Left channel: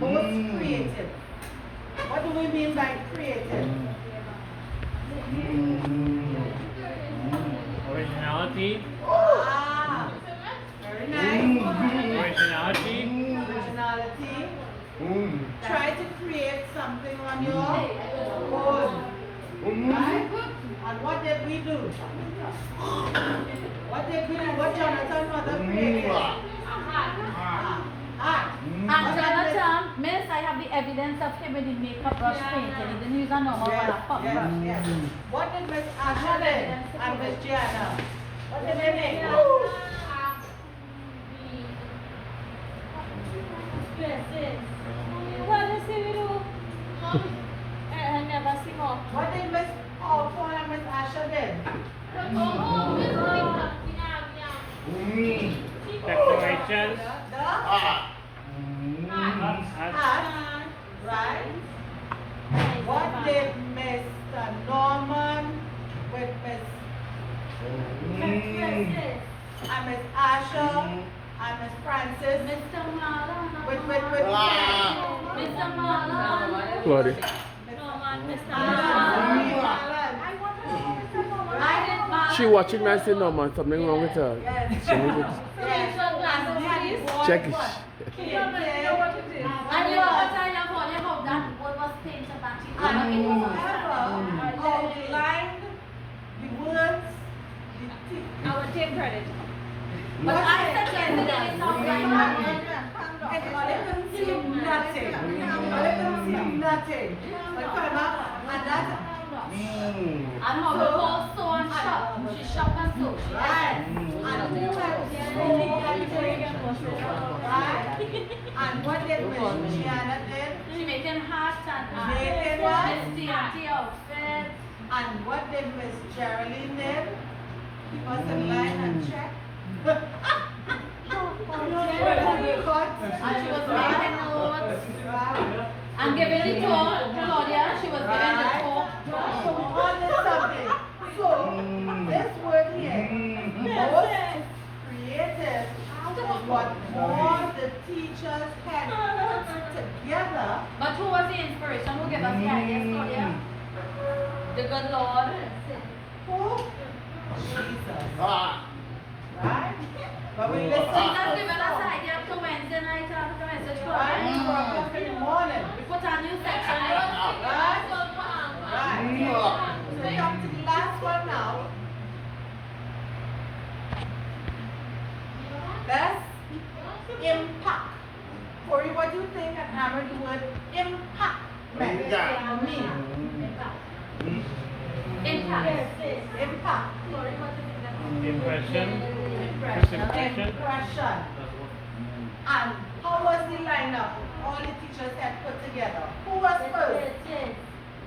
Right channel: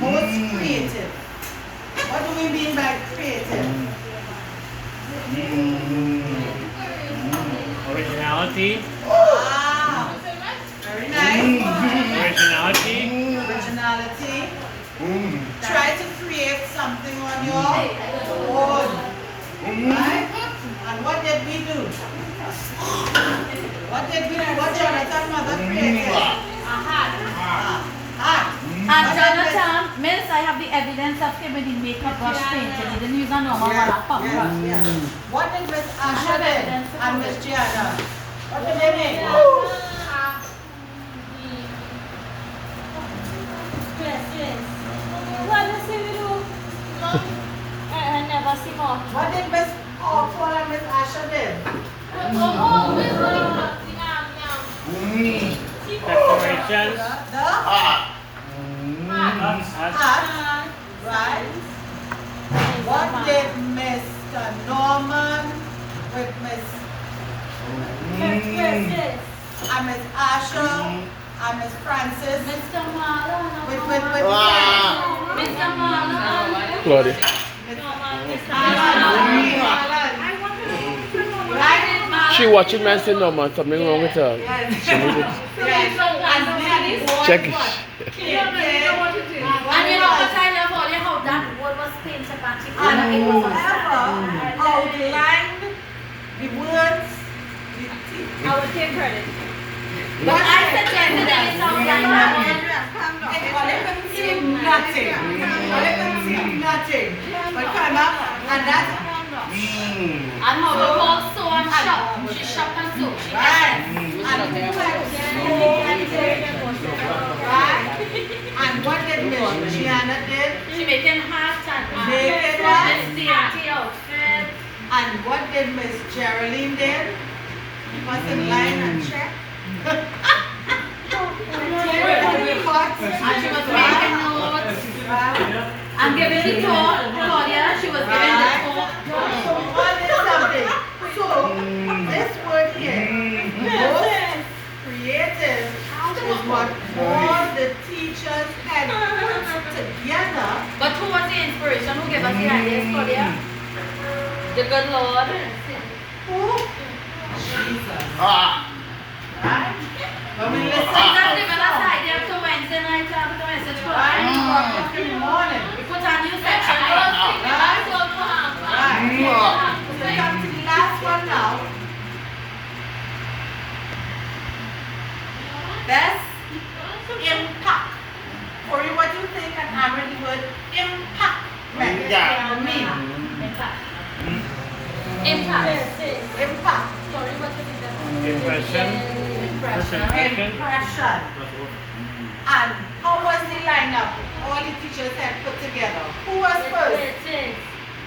Most creative. What do we mean by creative? Originality. Wow. Very nice. Originality. Originality. Try to create something on your own. Right? And what did we do? What Jonathan mother created? A hat. And Jonathan, Miss, I have the evidence of him when he made a brush paint and he didn't use a normal brush. Yes. What did Miss Asha do and Miss Gianna? What did they make? I never see more. What did Miss Paul and Miss Asha do? Decorations. The hat. Right? What did Mr. Norman with Miss and Miss Asha and Miss Francis Mr. Marlon. with Mr. Marlon. Claudia. She watching me and say no man, something wrong with her. She need to check it. And you know what I love all how that word was painted back. It was outlined the words, I would take credit. but I suggested that it's outlined that one. nothing. But come up and that's And how we call sew and shop. She shop and sew. She right. And what did Miss Gianna did? She making hats and Making what? Miss Diati outfit. And what did Miss Geraldine did? Was in line and check. And she was making notes. And giving the tour. Claudia, she was giving the tour. So, this word here, most creative, is what all the teachers had put together. But who was the inspiration? Who gave us the ideas, Claudia? The good Lord. Who? Jesus. Right? But we listen Jesus to given us ideas to Wednesday night after the message. right? Right? 4 in the morning. We put a new section. Right? So we come to the last one now. Best impact. Corey, what do you think and Amber the word impact meant? Mean. Impact. Impact. Impression. Impression. And how was the lineup all the teachers had put together? Who was first?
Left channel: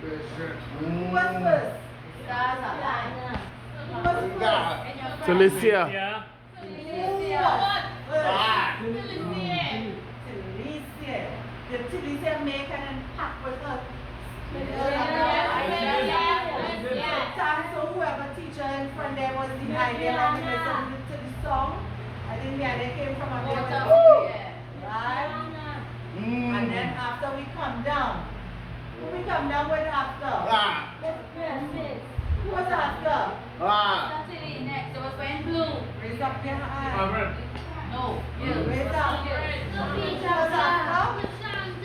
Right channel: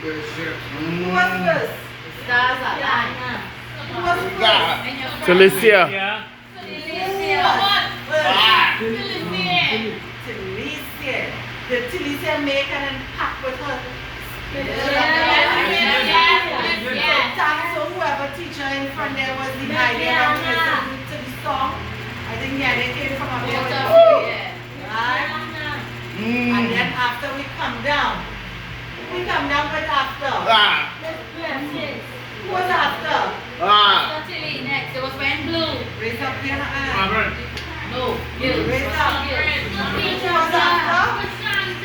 Who was first? Stars are lying. Who was first? Felicia. Yeah. Talicia. Did Talicia make an impact with her? So whoever teacher in front there was the idea of listening to the song. I think yeah, they came from up there. Right? And then after we come down with after. Who was after? Next, it was when blue. Raise up your hand. No, you. Raise up. Who was after?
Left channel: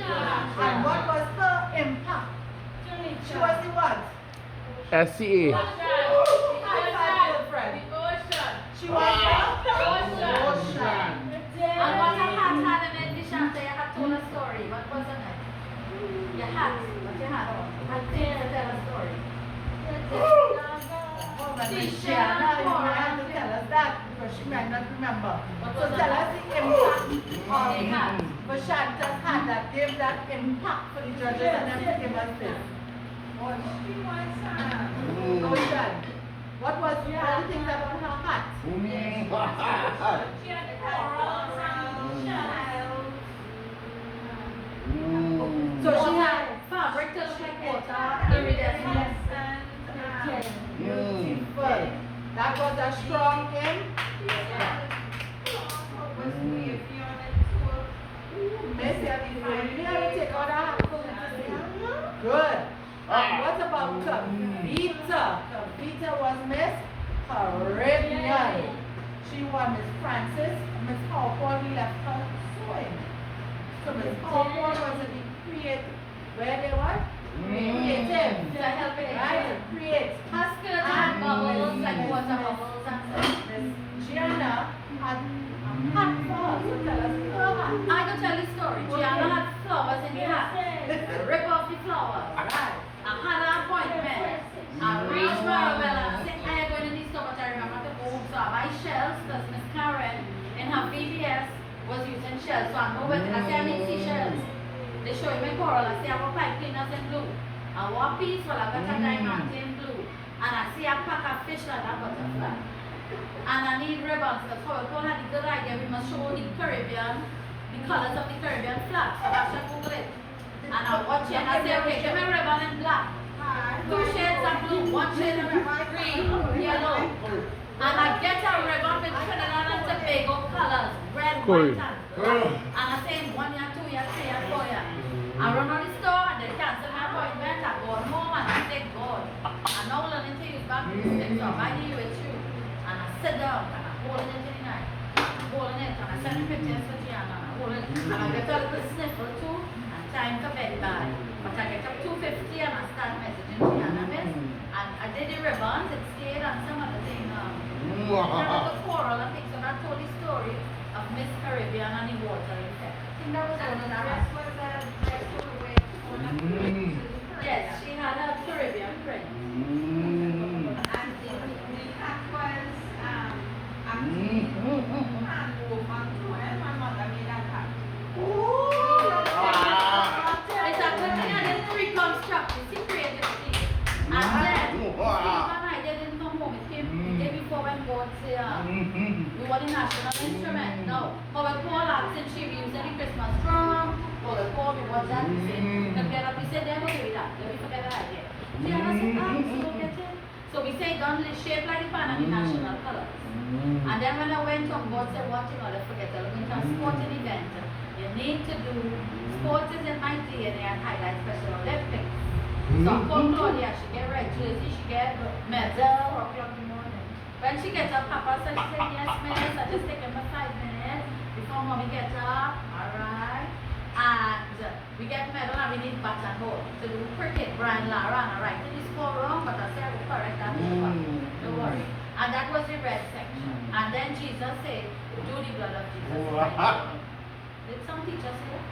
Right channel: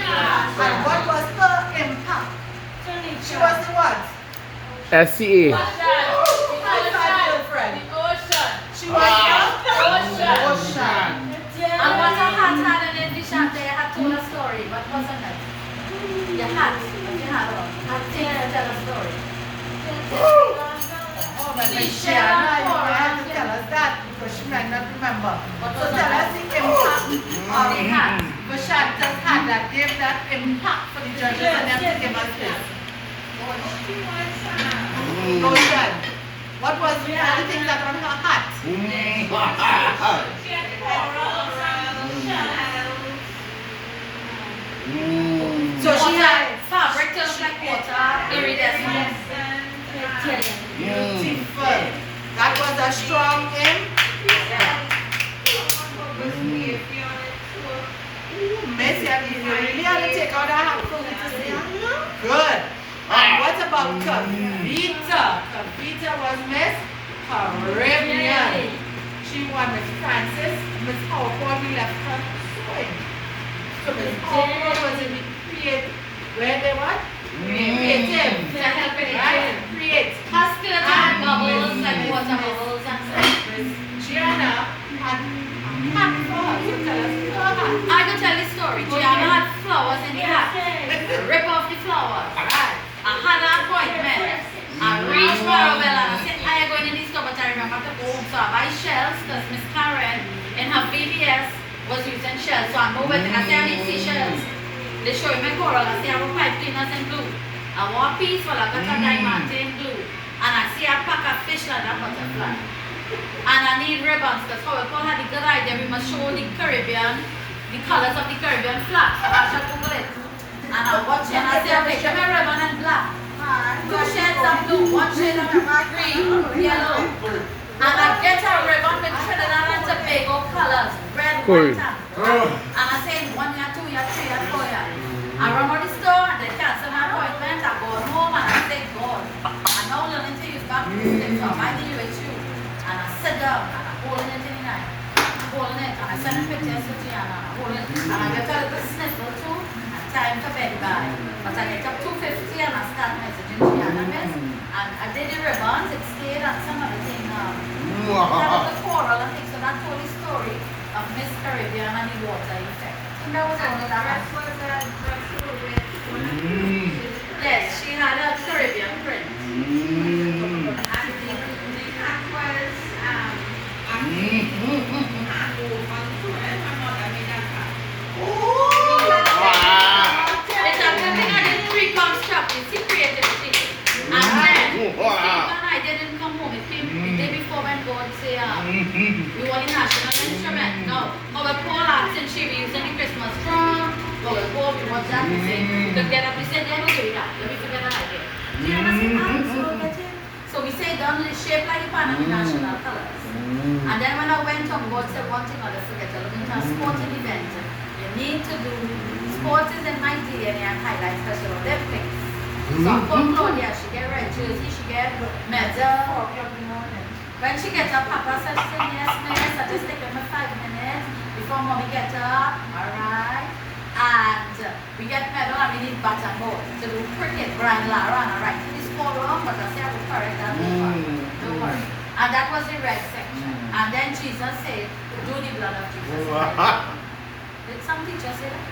And what was her impact? She was the what? SCA. High-five, girlfriend. She was the ocean. And what a hat had in it, the shop there had told a story. What wasn't it? Your hat. What you had on? Had to tell a story. Oh, my Miss Gianna, you have to tell us that because she might not remember. So tell us the impact of the hat. Shanta's hat that gave that impact for the judges and them to give us this. Ocean. What was the other thing that on her hat? So she had fabric to look like water, iridescent. beautiful. That was a strong impact. Messi, I you really have to take out that hat for me to see. Good. And what about Kavita? Kavita was Miss Caribbean. She won Miss Francis. Miss Hochoy, we left her swing. So Miss Hochoy was in the creative. Where they what? Creative. Right? Create. Muscular and bubbles and water bubbles and stuff. Miss Gianna had hat for her. You tell us your hat. I could tell you a story. Gianna had flowers in the hat. Rip off the flowers. Right. I had an appointment. I reached Marabella and I said, I am going in this store, but I remember to go home. So I buy shells because Miss Karen in her VBS was using shells. So I moved it and I said, I need seashells. They show me coral. I say, I have pipe cleaners in blue. I want peaceful. I got a diamond in blue. And I see a pack of fish like that butterfly. And I need ribbons because Paul had the good idea. We must show the Caribbean, the colors of the Caribbean flag. So I should Google it. And I watch it and I say, okay, give me a ribbon and black. 2 shades of blue, 1 shade of green, yellow. And I get a ribbon with Trinidad and Tobago colors, red, Cool. white, and black. And I say 1 year, 2 year, 3 year, 4 year. I run out the store and they cancel my appointment. I go home and I say, God, I'm now learning to use God system, so I'm finding you with you. And I sit down and I'm holding it in the night. Holding it and I send a picture to Gianna and I hold it. And I get a little sniffle too. Time to beg by. But I get up 2:50 and I start messaging Gianna, miss. And I did the ribbons, it stayed and some other thing. That was the coral, I think. So that told the story of Miss Caribbean and the water effect. And that was all of that. Yes, she had a Caribbean print. And the hat was It's a thing I did 3 pounds chocolate, see creativity. And then, Steve and I didn't come home. It came the day before when God said, we want the national instrument. No. Our Paul asked and she was using the Christmas drum. Our Paul, we want that to say. Look at we said, never do that. Let me forget that idea. Do you understand? So we say, done the shape like the pan and the national colors. And then when I went up, God said, one thing I'll never forget. I'm looking at a sporting event. You need to do sports is in my DNA and highlight Special Olympics. So I called Claudia, she get red jersey, she get medal. When she gets up, Papa said, yes, miss, I just take her for 5 minutes before mommy gets up, alright? And we get medal and we need bat and ball. So we cricket, Brian Lara, and I write in the score wrong, but I say I will correct that over. Don't worry. And that was the red section. And then Jesus said, do the blood of Jesus. Did some teacher say that?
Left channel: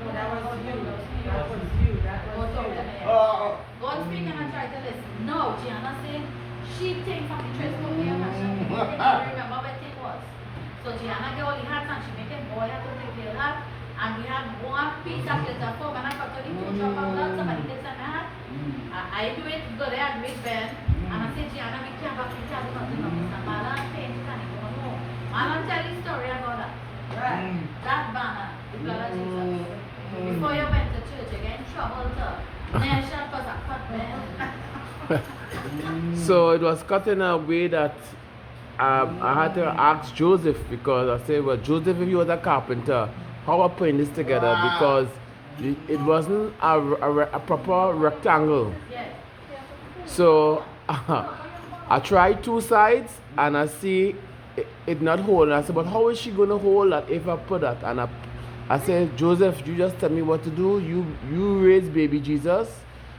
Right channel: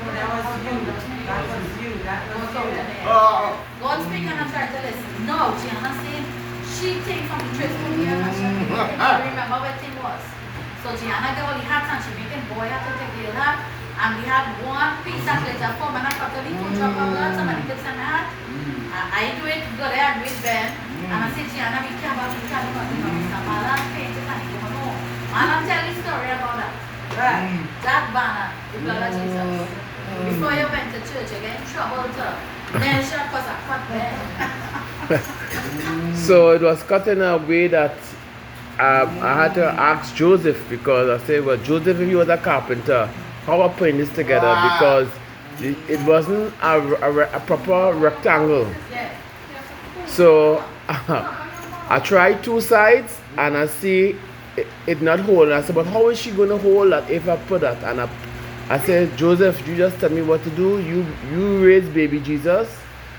no, that was you. That was you. That was you. God speaking and I try to listen. No, Gianna said she came from the church from here and she didn't remember what it was. So Gianna got all the hats and she making boy hat to take the hat. And we had 1 piece of glitter form and I cut a little drop of blood, somebody puts on the hat. I do it good, I do it Ben. And I said, Gianna, we can't have Mr. Mala, paint it and go home. And I'll tell you a story about that. Right. That banner, the blood of Jesus. Before you went to church, you get in trouble to mention because I cut Ben. So it was cut in a way that I had to ask Joseph because I said, well, Joseph, if you was a carpenter, how are putting this together? Because it wasn't a proper rectangle. Yeah. So I tried 2 sides and I see it not hold. And I said, but how is she going to hold that if I put that? And I said, Joseph, you just tell me what to do. You raise baby Jesus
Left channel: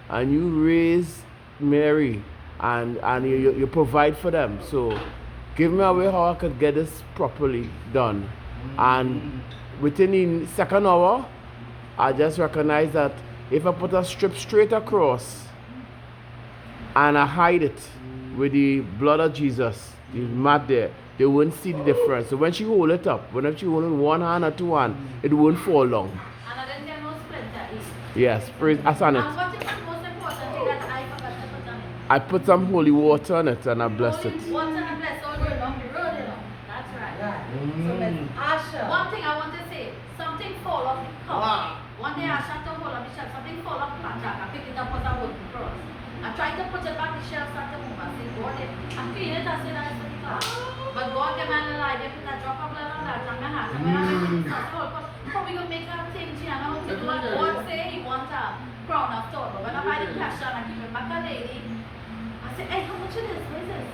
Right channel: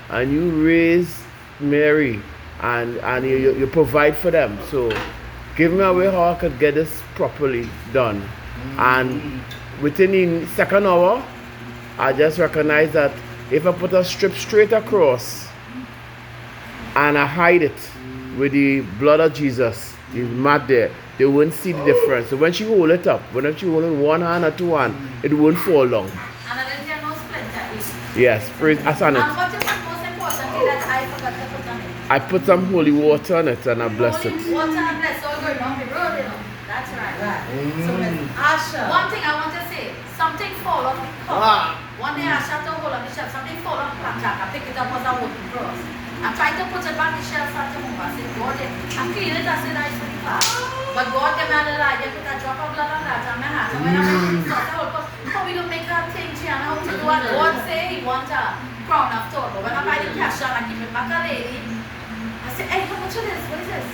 and you raise Mary and you provide for them. So give me a way how I could get this properly done. And within the 2nd hour, I just recognized that if I put a strip straight across and I hide it with the blood of Jesus, the mat there, they won't see the difference. So when she hold it up, when she hold it in 1 hand or 2 hands, it won't fall down. And I didn't get no splinter. Yes, praise Asan it. And what is the most important thing that I forgot to put on it? I put some holy water on it and I bless it. Holy water and bless all going on the road, you know. That's right. Right. So Miss Asha. One thing I want to say, something fall off the cup. One day I shut the hole on the shelf, something fall off the blackjack. I pick it up as a wooden cross. I tried to put it back the shelf, start to move. I said, God, I clean it, I said, I for the class. But God gave me a little idea, put a drop of blood on that on my hat. And when I put it, I said, oh, we don't make a want a crown of thorn. But when I buy the cash and I give it back a lady, I say, hey, how much is this? What is this?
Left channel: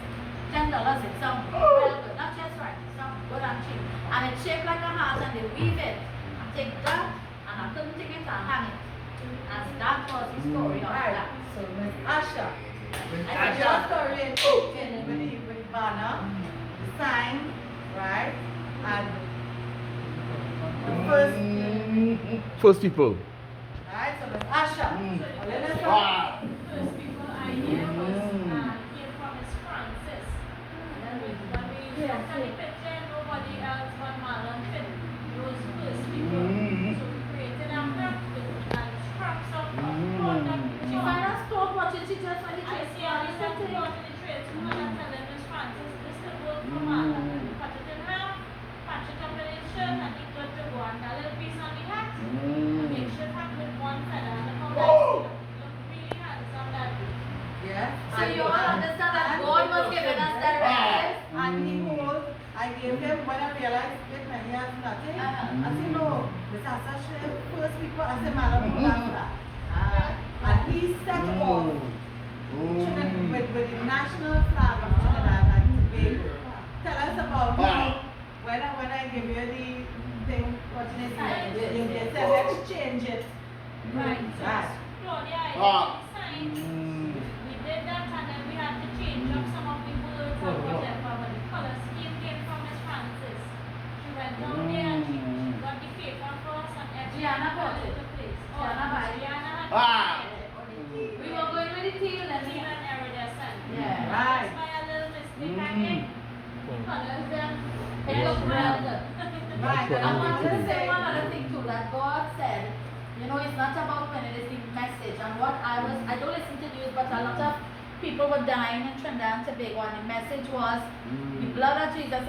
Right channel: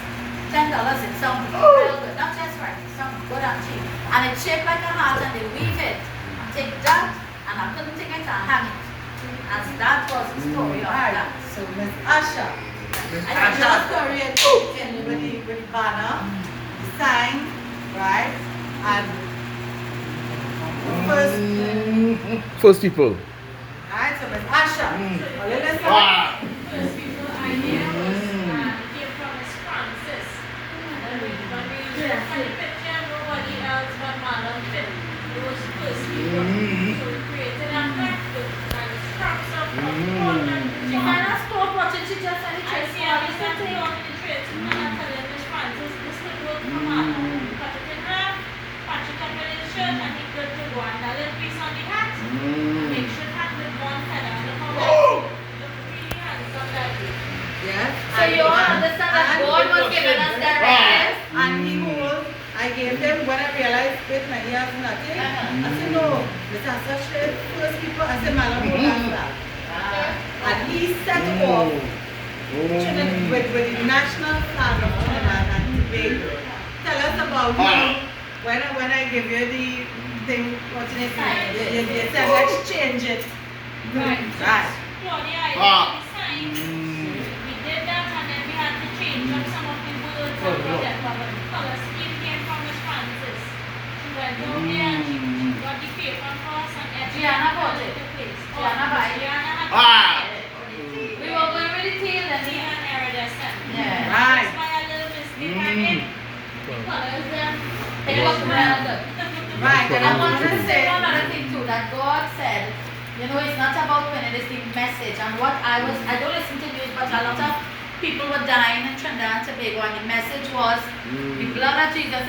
$10 in some real good. Not just right, some good and cheap. And it's shaped like a heart and they weave it. I take that and I couldn't take it and hang it. And that was the story of Right. that. So Miss Asha. I I just just created with the banner, the sign, right? And the First people. right, so Miss Asha. A little song. Wow. First people I knew was came from Miss Francis. And then when we used to find the picture, nobody else but Marlon Finn. It was first people. So we created a practice and scraps of She might have stopped watching, she just said I see I was not alone in the tradesman and telling Miss Francis this thing will come out. Cut it in half, patch it up in his shirt, and he got to go and a little piece on the hat. Make sure hat with one feather on the corner. Look really handsome that way. Yeah. So you all understand that God was giving us directives? And he holds, I gave them when I realized with many years nothing. I said, no, Mr. Asha, first people, I said, Madam, hold on to that. And he set off with the national flag of Trinidad and Tobago. Tell us about when I give you the thing, what's in it? You said, let's change it. Right. Right. Claudia, I did the sign. We did that and then we had to change up some of the words and whatever. But the color scheme came from Miss Francis. She went over there and she got the paper for us and Gianna bought it. the place. Gianna buy it. Gianna had We were going with the tail and the the iridescent. Yeah. Right. That's why a little mistake I made. The colors It was well good. Right. And I want to to say one other thing too, that God said, you know, it's not about winning, it's the message. And what I don't listen to news, but a lot of people were dying in Trinidad and Tobago, and the message was, the blood of Jesus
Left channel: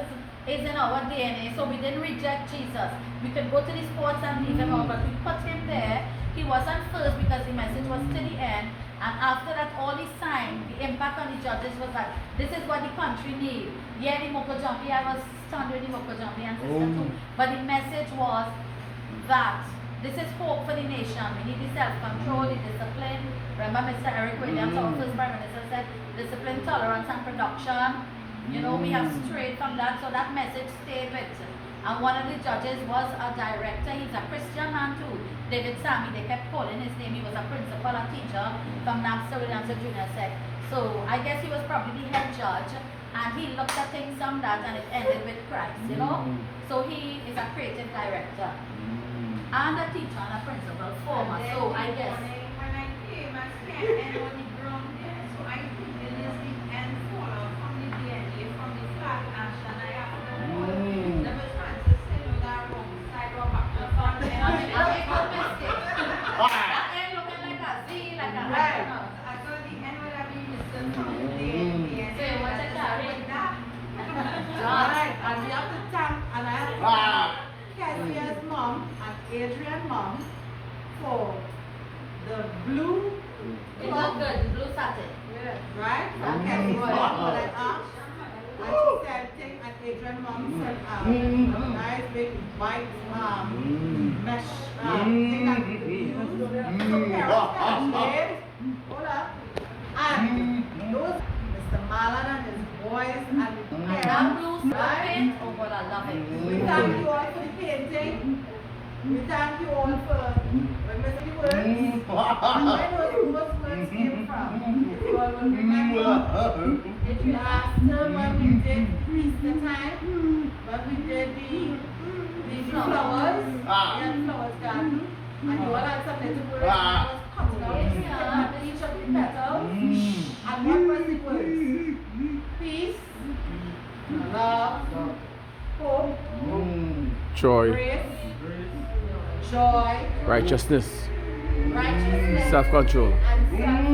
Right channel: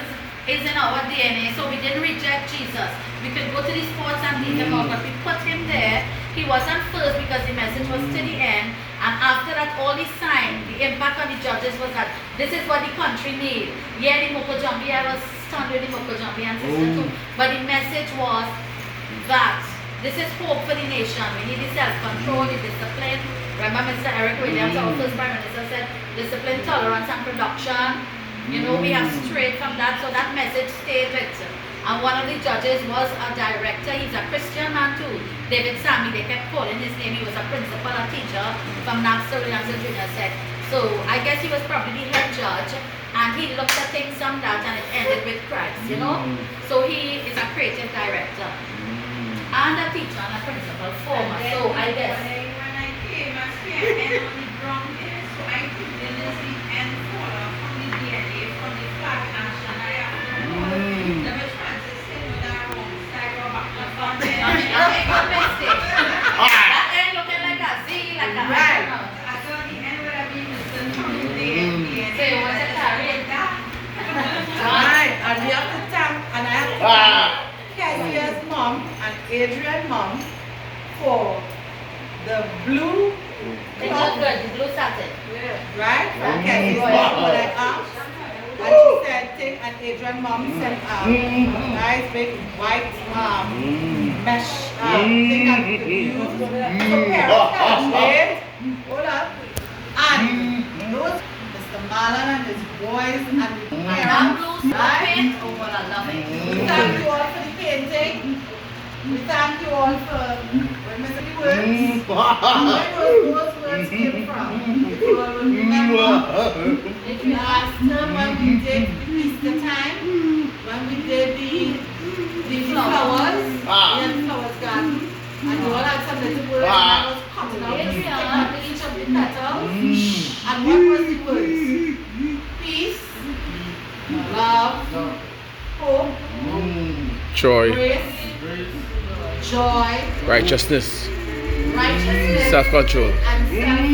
is in our DNA, so we didn't reject Jesus. We could go to the sports and leave him out, but we put him there. He wasn't first because the message was to the end. And after that, all the sign, the impact on the judges was that this is what the country needs. Yeah, the Moko Jumpy, I was stunned with the Moko Jumpy and sister too. But the message was that this is hope for the nation. We need the self-control, the discipline. Remember Mr. Eric Williams, our first Prime Minister, said discipline, tolerance, and production. You know, we have strayed from that, so that message stayed with. And one of the judges was a director. He's a Christian man too. David Sammy, they kept calling his name. He was a principal, a teacher from Napster Williams Junior Set. So I guess he was probably the head judge, and he looked at things from that, and it ended with Christ, you know. So he is a creative director, and a teacher, and a principal former. So I guess. When I came, I spent hand on the ground there, so I took the Lizzie and color from the DNA, from the flag ash, and I have the Miss Francis said, no, that wrong, so I go back to the front I end. mean, good mistake. That end looking like a Z, like a Right. I thought the end would have been Mr. Tommy there. So you want to carry it down? Right, and we have to thank, and I have to thank Kesia's mom and Adrian's mom for the blue It look good, the blue satin. right? From Kesia's mom, when I asked, and she said, take an Adrian mom sent nice big white mesh thing that we could use. So parents can shade, hold up, and those, Mr. Marlon and his boys and That parents, blue right? paint, oh God, I love We it. thank you all for the painting. We thank you all for remembering the words. And where those words came from. If you all will remember, if you asked them when we did the Easter time, when we did the flowers, the flowers garden, and you all had some little words, and I was cutting out each of the petals. And what was the words? Peace, love, hope, Joy, grace, joy, righteousness, righteousness, self-control. and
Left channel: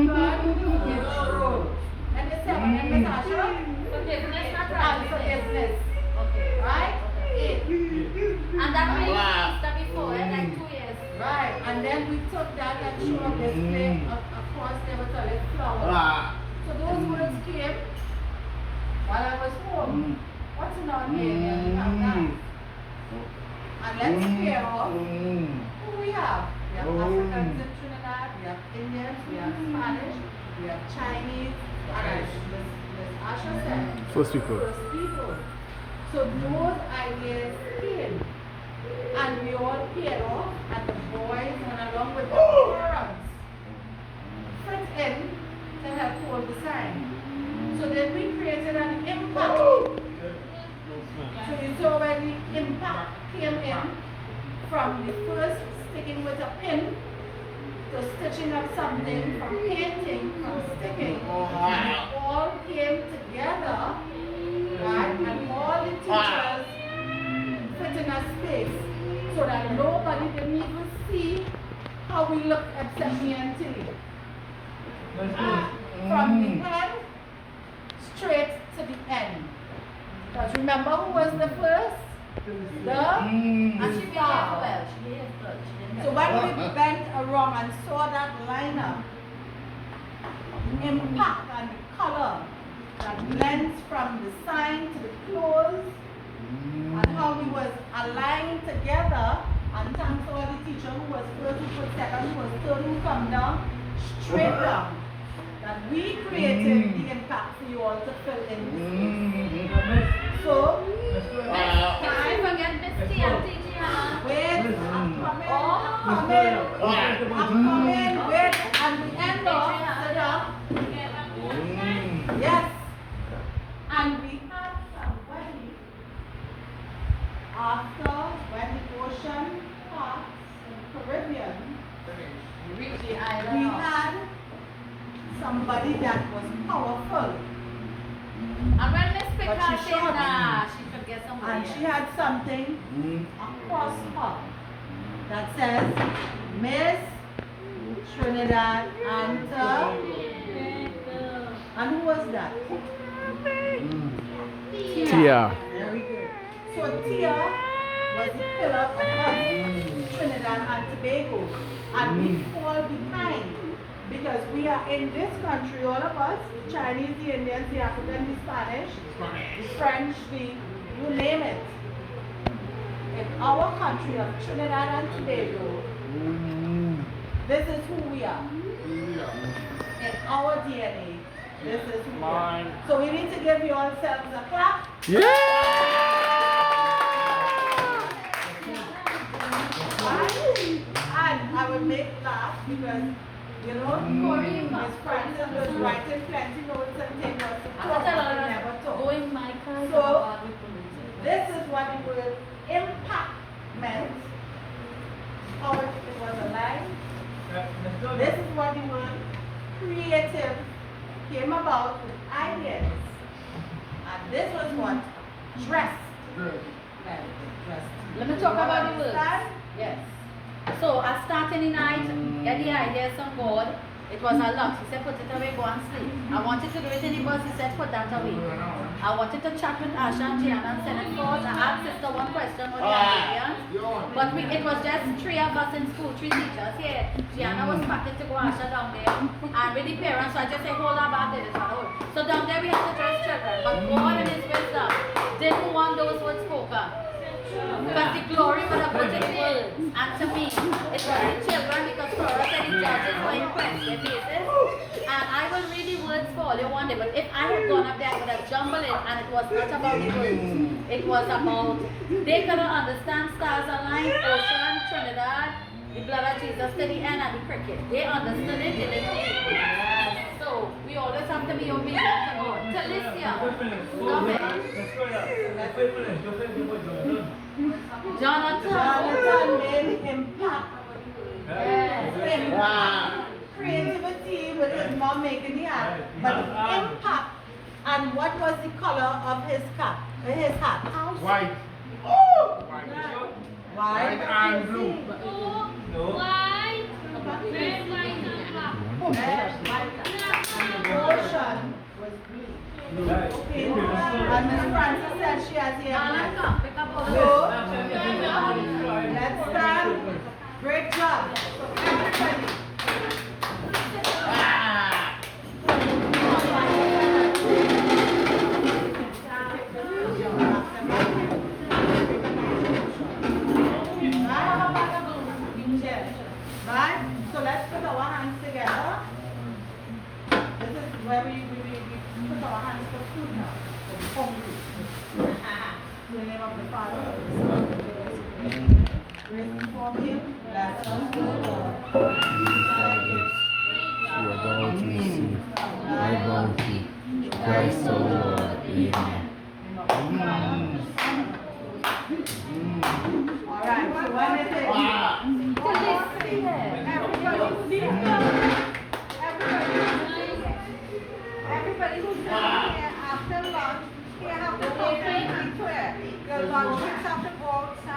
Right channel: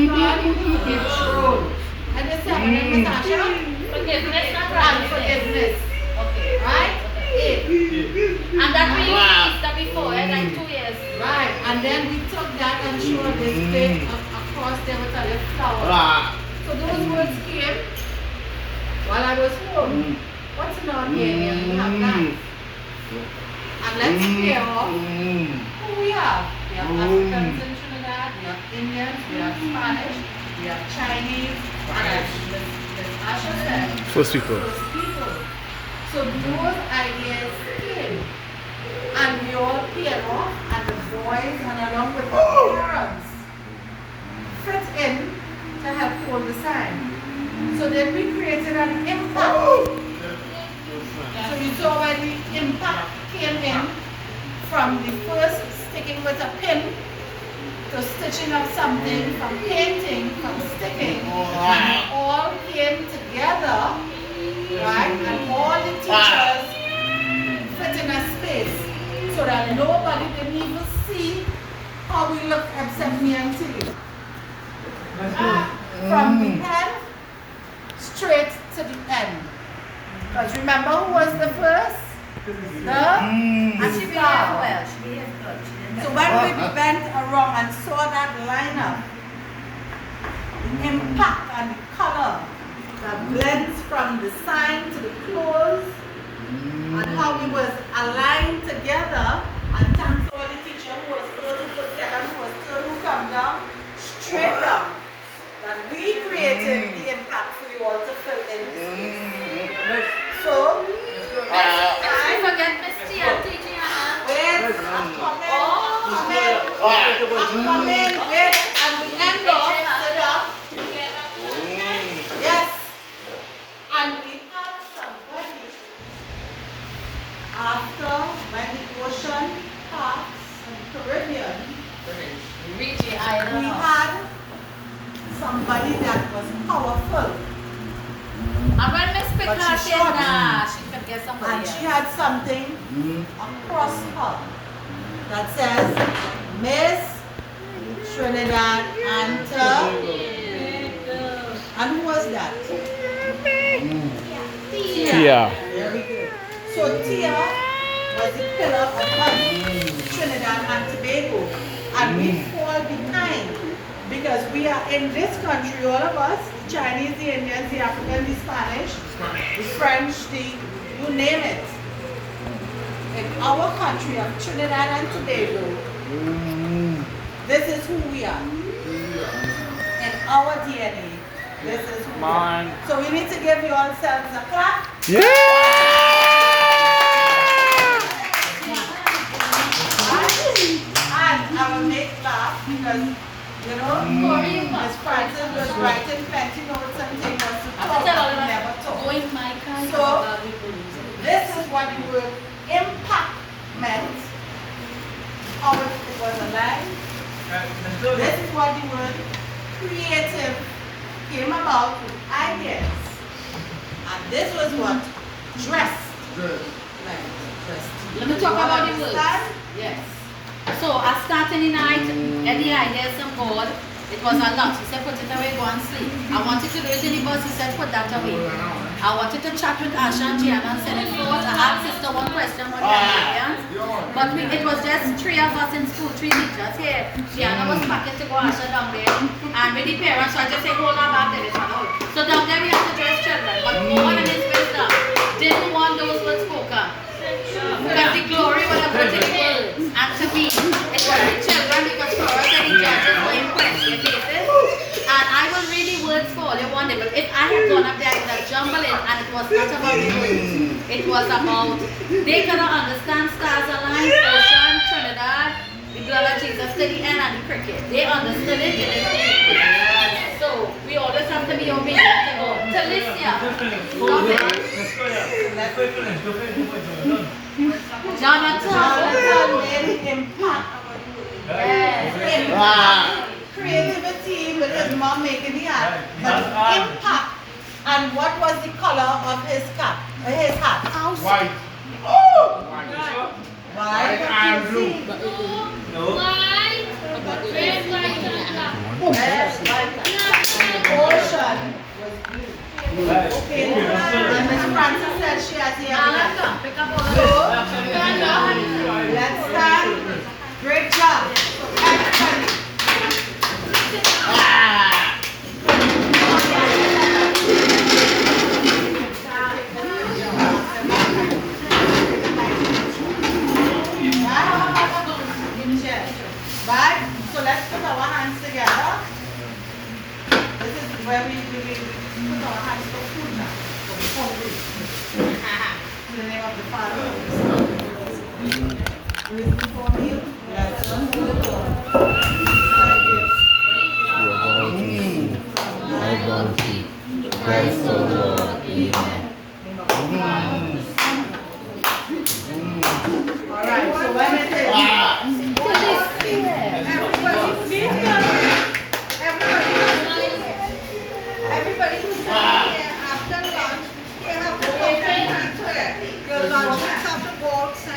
self-control. And the seven in Natasha, Forgiveness, not and forgiveness. Okay. Right? Eight. And that we used that before, like 2 years. Right. And then we took that and showed display across there with a little flower. So those words came while I was home. What's in our area? We have that. And let's clear off who we are. We are Africans in Trinidad Indians, we have Spanish, we have Chinese, and as Asha said, First people. first people. So those ideas came, and we all paired off, and the boys and along with the parents fit in to help hold the sign. So then we created an impact. So you saw when the impact came in from the first sticking with a pin to stitching up something, from painting, from sticking, and it all came together, right? And all the teachers fit in a space so that nobody didn't even see how we look except me and Tilly. From the end straight to the end. Because remember who was the first? And she behaved well. She behaved good. She didn't So get when we went around and saw that lineup, the impact and the color that blends from the sign to the clothes, and how we was aligned together, and thanks to all the teacher who was first, who was second, who was third, who come down, straight down, that we created the impact for you all to fill in. So, next I time, forget Miss T and teaching Hannah. wait, come in, wait, and we end off, sit up. Yes. And we had somebody after when the ocean passed in the Caribbean, Richie we Island. had somebody that was powerful. And when Miss But Picard she said, shot. nah, she could get somebody And else. she had something across her that says Miss Trinidad and and who was that? Tia. Very good. So Tia was the pillar of us, Trinidad and Tobago. And we fall behind because we are in this country, all of us, the Chinese, the Indians, the African, the Spanish, the French, you name it. In our country of Trinidad and Tobago, this is who we are. In our DNA, this is who we are. So we need to give yourselves a clap. Yeah! And I will make laugh because, you know, Miss Francis was writing plenty notes and things us to I talk, tell but we her, never talk. go in my car. So, this is what the word impact meant. How it was aligned. This is what the word creative came about with ideas. And this was what dressed. Like dressed. Let me talk You all about the words. understand? Yes. So I started in the night, get the ideas on board. It was a lot. He said, put it away, go and sleep. I wanted to do it in the bus. He said, put that away. I wanted to chat with Asha and Gianna and send it forward. I asked sister one question on the Arabians. But it was just three of us in school, three teachers here. Gianna was packing to go Asha down there. And with the parents, so I just said, hold on back there. So down there we had to dress children. But more than his wisdom, didn't want those words spoken. Because the glory would have put in the words. And to me, it was the children because for us and the judges were impressed with faces. And I will read the words for all you wanted. But if I had gone up there, I would have jumbled it. And it was not about the words. It was about, they could understand stars aligned, ocean, Trinidad, the blood of Jesus to the end and the cricket. They understood it, they didn't see it. So we always have to be obedient to God. Talicia. Jonathan made impact. Yes. Impact. Creativity with his mom making the art. But impact. And what was the color of his cap? His hat? White. Oh! White White and blue. No. Ocean was blue. Okay. And Miss Francis said she has the Alan, evidence. come, pick up all So, the let's stand. Great job. So, everybody. Right? So let's put our hands together. where we put our hands to food now. So we're hungry. In the name of the Father. Listen for me. That's one good. You are bound to receive my bounty. Christ our Lord. Amen. Alright, so when it is